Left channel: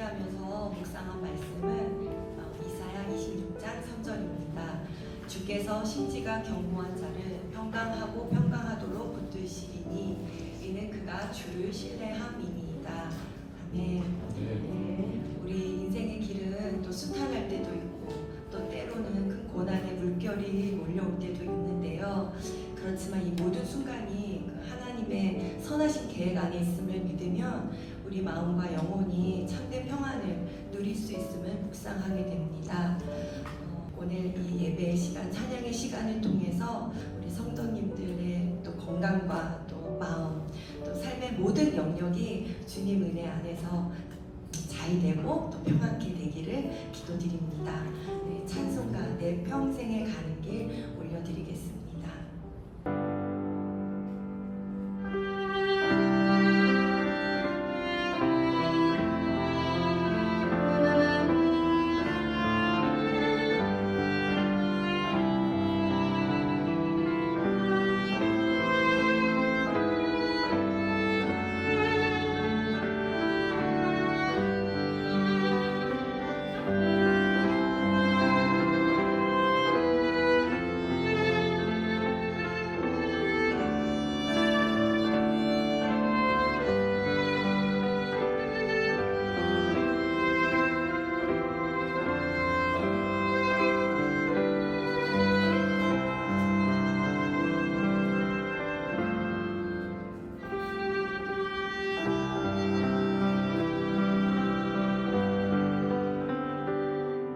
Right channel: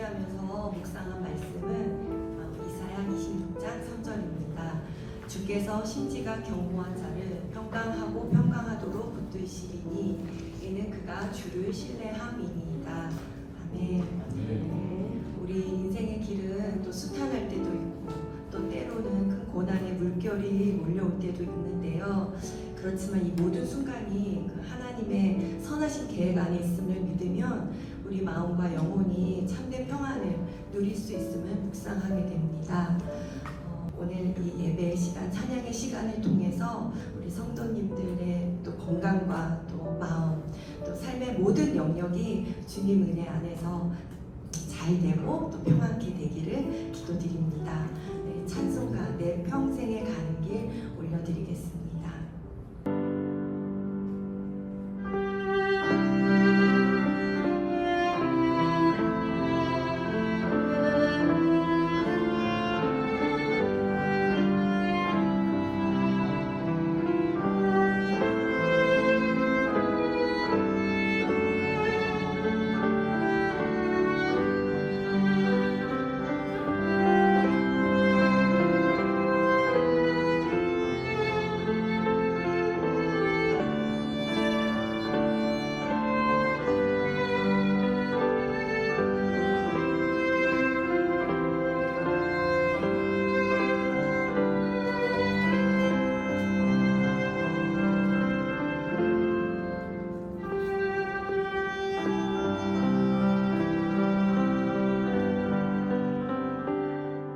준비하면서 묵상한 말씀은 이사야 26장 3절입니다. 주께서 심지가 견고한 자를 평강하고 평강하도록 붙드시리니 이는 그가 주를 신뢰함이니이다. 아멘. 네. 우리 인생의 길은 또 수탄할 때도 있고 또 때로는 큰 고난의 물결이 몰려올 때도 있는데요. 그렇지만 이 모든 순간이 그 하나님의 선하신 계획 안에 있음을 믿으면 우리 마음과 영혼이 참된 평안을 누릴 수 있음을 묵상하게 됩니다. 오늘 이 예배의 시간, 찬양의 시간을 통해서 우리 성도님들의 또 건강과 또 마음, 또 삶의 모든 영역이 주님 은혜 안에서 잘 되고 또 평안케 되기를 기도드립니다. 네, 찬송가 내 평생에 가는 길 올려드리겠습니다.